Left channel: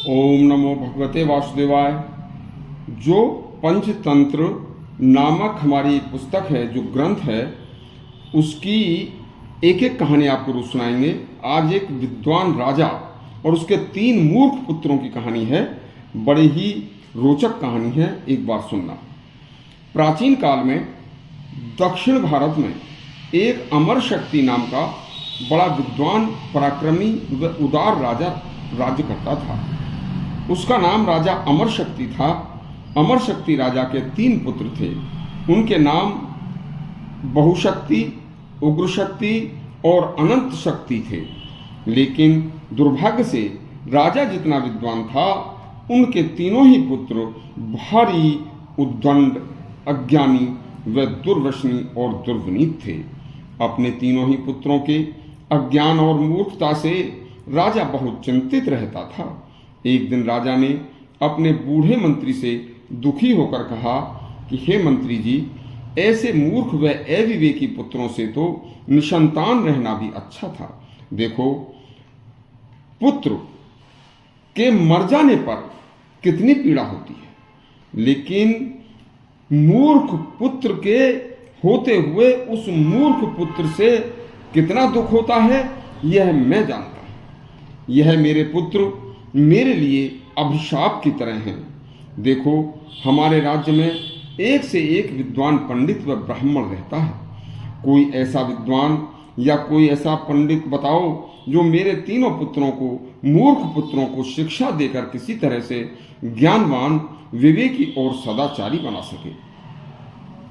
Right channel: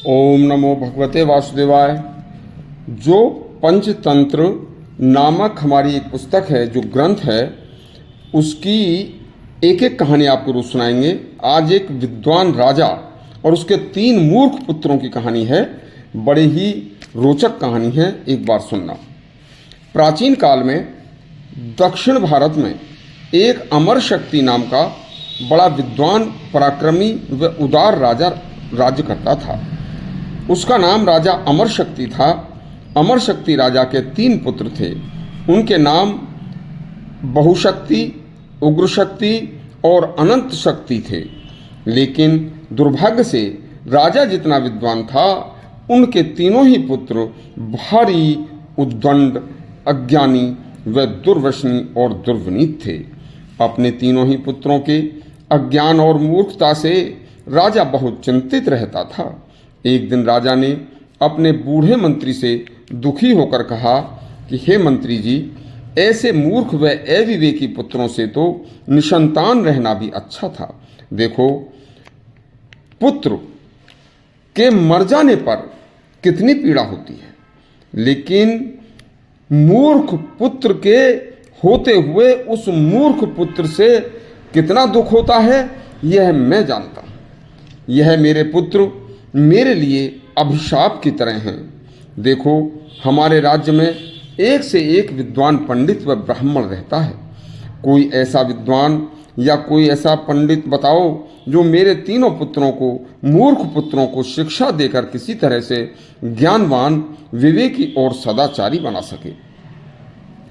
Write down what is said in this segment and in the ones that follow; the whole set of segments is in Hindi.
ओम नमो भगवते वासुदेवाय। जो पंचतंत्र नामक हमारी एक पुस्तक है, जो ग्रंथ है, उसकी एक एक कहानी आपको रोज सुनाएंगे। आज एक विद्वान राजा और उसके 3 मूर्ख पुत्रों की कहानी है। बड़ी ही रोचक कहानी है, एक बार सुनना। प्राचीन काल में दक्षिण भारत में एक अमर शक्ति नाम का बड़ा विद्वान, पराक्रमी व उदार राजा राज्य करता था। उसका नाम राजा अमर शक्ति था। अमर शक्ति राजा के 3 पुत्र थे। उनके नाम बहुशक्ति, उग्र शक्ति और अनंत शक्ति थे। लेकिन दुर्भाग्य से राजा जितना विद्वान था, उनके तीनों ही पुत्र भारी उद्दंड, अज्ञानी व दुर्व्यसनी और दुर्विनीत थे। अपने तीनों ही पुत्रों के अज्ञान और मूर्खता से राजा बहुत चिंतित रहता था। एक दिन राजा ने अपने बूढ़े मंत्री से दुखी होकर कहा कि हे मंत्री जी, ऐसे मूर्ख व अविवेकी पुत्रों से तो निसंतान रहना भी अच्छा था। देखो, पुत्र के मर जाने पर कितनी पीड़ा होती है, लेकिन मूर्ख पुत्र के होते हुए उस मूर्ख पुत्र से कितना दुख होता है, यह मैं जानता हूं। यह मेरे पुत्र मेरे लिए अभिशाप की तरह हैं। देखो, हमारे राज्य में एक से एक विद्वान पंडित व ब्राह्मण रहता है। कोई ऐसा विद्वान या कोई ऐसा पंडित बताओ जो मेरे तीनों पुत्रों को, मूर्ख पुत्रों को शिक्षा देकर किसी तरह से ज्ञानवान, विवेकी और सदाचारी बना सके।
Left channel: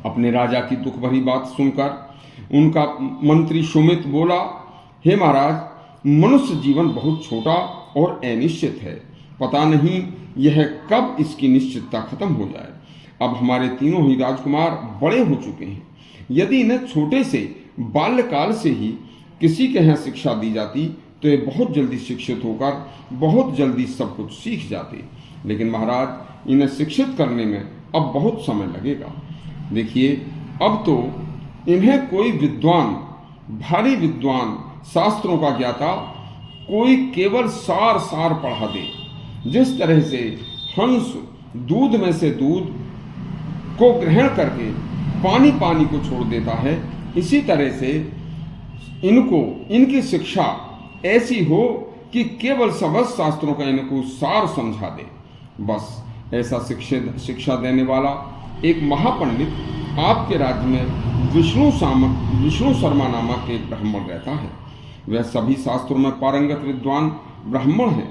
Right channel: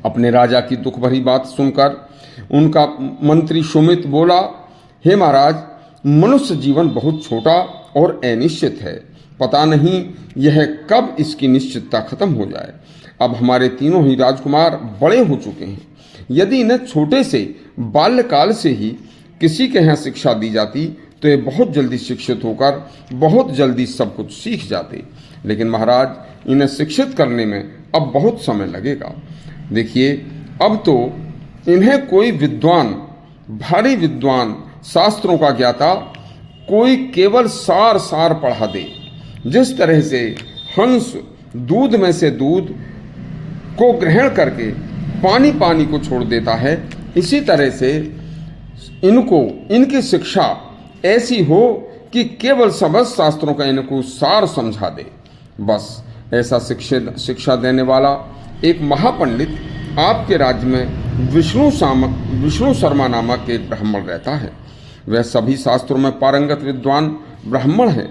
अपने राजा की दुख भरी बात सुनकर उनका मंत्री सुमित बोला, हे महाराज, मनुष्य जीवन बहुत छोटा और अनिश्चित है। पता नहीं यह कब इसकी निश्चितता खत्म हो जाए। अब हमारे तीनों ही राजकुमार बड़े हो चुके हैं। यदि इन्हें छोटे से बाल्यकाल से ही किसी के यहाँ शिक्षा दी जाती तो ये बहुत जल्दी शिक्षित होकर बहुत जल्दी सब कुछ सीख जाते। लेकिन महाराज, इन्हें शिक्षित करने में अब बहुत समय लगेगा। देखिए, अब तो इन्हें कोई विद्वान, भारी विद्वान, शास्त्रों का ज्ञाता कोई केवल सार सार पढ़ा दे। जिस तरह से हंस दूध में से दूध को ग्रहण करके पानी पानी को छोड़ देता है, इसी तरह से इनकी शिक्षा ऐसी हो कि केवल समस्त शास्त्रों का इनको सार समझा दे। बस ऐसा शिक्षा देने वाला एक महापंडित आपके राज्य में विष्णु शर्मा नामक एक ब्राह्मण रहता है। वह सभी शास्त्रों में पारंगत विद्वान ब्राह्मण है।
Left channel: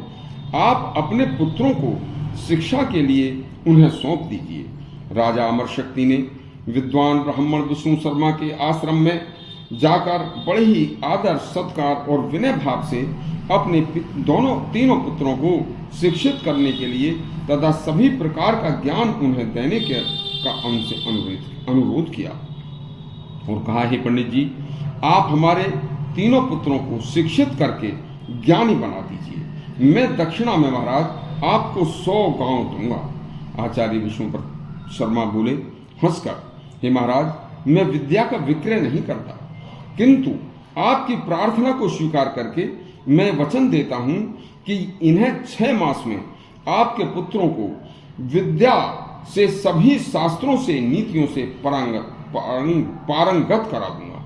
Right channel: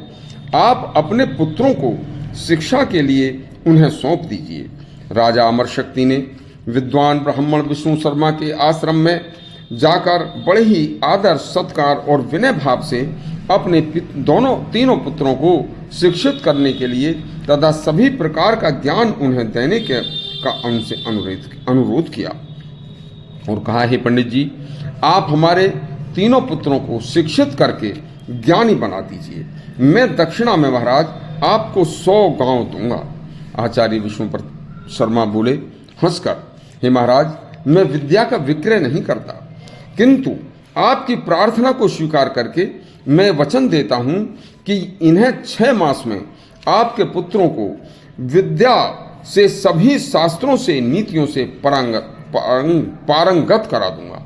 आप अपने पुत्रों को शिक्षा के लिए उन्हें सौंप दीजिए। राजा अमर शक्ति ने विद्वान ब्राह्मण विष्णु शर्मा के आश्रम में जाकर बड़े ही आदर, सत्कार और विनय भाव से अपने तीनों पुत्रों को शिक्षित करने के लिए तथा सभी प्रकार का ज्ञान उन्हें देने का उनसे अनुरोध किया और कहा, हे पंडित जी, आप हमारे तीनों पुत्रों को शिक्षित करके ज्ञानी बना दीजिए। मैं दक्षिणा में महाराज आपको 100 गांव दूंगा। आचार्य विष्णु शर्मा बोले हंसकर, हे महाराज, मैं विद्या का विक्रय नहीं करता, किंतु आपकी प्रार्थना को स्वीकार करके मैं वचन देता हूं कि इन्हें 6 मास में आपके पुत्रों को विद्या से, सभी शास्त्रों से, नीतियों से पारंगत करा दूंगा।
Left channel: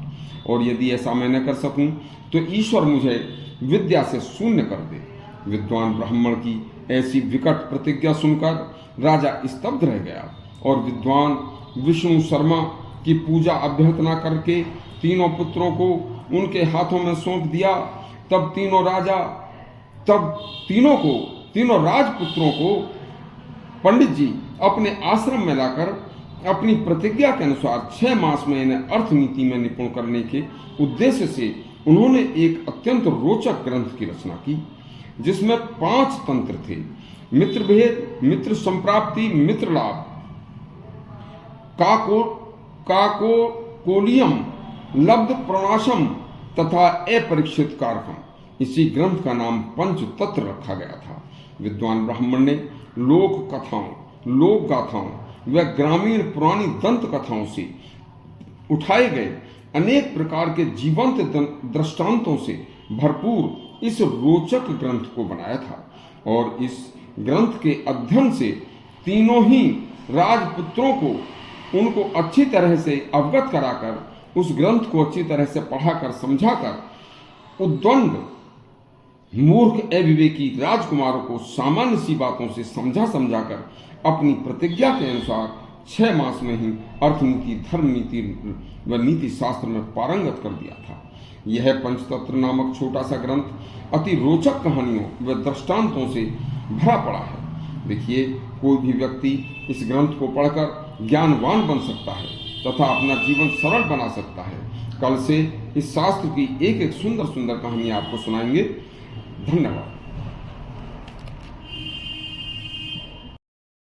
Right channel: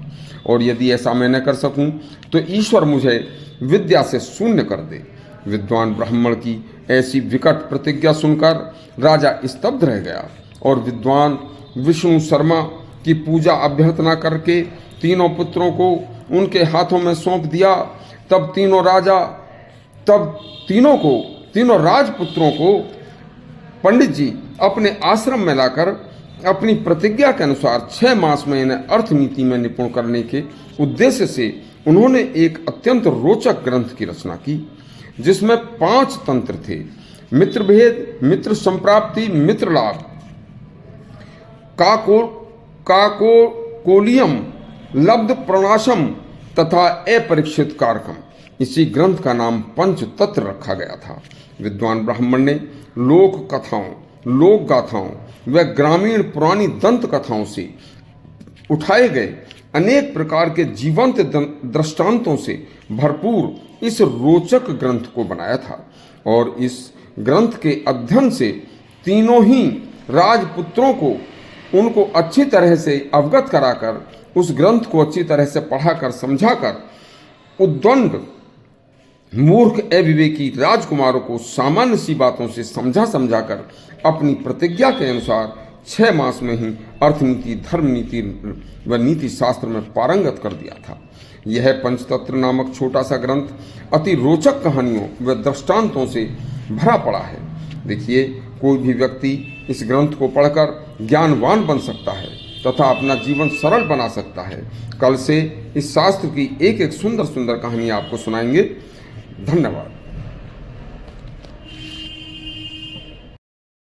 और यदि ऐसा मैं न कर सकूं तो ईश्वर मुझे विद्या से शून्य कर दे। विद्वान ब्राह्मण की ऐसी विकट प्रतिज्ञा सुनकर राजा स्तब्ध रह गया और विद्वान विष्णु शर्मा की पूजा अभ्यर्थना करके तीनों पुत्रों को उनके हाथों में सौंप दिया। तब तीनों राजपुत्रों को पंडित जी अपने आश्रम में लाकर अपनी प्रतिज्ञा के अनुसार 6 मास में इन्हें अर्थनीति में निपुण करने के उद्देश्य से उन्होंने एक अत्यंत रोचक ग्रंथ की रचना की, जिसमें 5 तंत्र थे: मित्र भेद, मित्र संप्राप्ति, मित्र लाभ, काकोलियम, लब्ध प्रणाशम तथा अपरीक्षित कारकम। इसी ग्रंथ का नाम पंचतंत्र रखा गया था। विद्वान ब्राह्मण ने लोक कथाओं, लोक गाथाओं व ग्रामीण पुरानी दंत कथाओं से उठाए गए अनेक प्रकार के जीवंत दृष्टांतों से भरपूर इस रोचक ग्रंथ को बनाया था। और इस ग्रंथ के अध्ययन से तीनों ही राजपुत्रों को उनको अच्छी तरह से अवगत कराकर, उस ग्रंथ को अच्छी तरह से पढ़ाकर समझाकर उद्दंड मूर्ख अविवेकी राजकुमारों को सामान्य सी बातों से समझाकर अपनी प्रतिज्ञा के अनुसार 6 मास में ही अर्थनीति, धर्म नीति व नीति शास्त्र में पारंगत कर दिया था। यह पंचतंत्र नामक छोटा सा ग्रंथ अति रोचक कहानियों व दृष्टांतों से भरा पड़ा है। देखिए, कोई भी व्यक्ति इस ग्रंथ को पढ़कर ज्ञानवान बन सकता है तथा अपना जीवन सरल बना सकता है। कल से इस शास्त्र की एक एक सुंदर सुंदर कहानी आपको सुनाएंगे। धन्यवाद।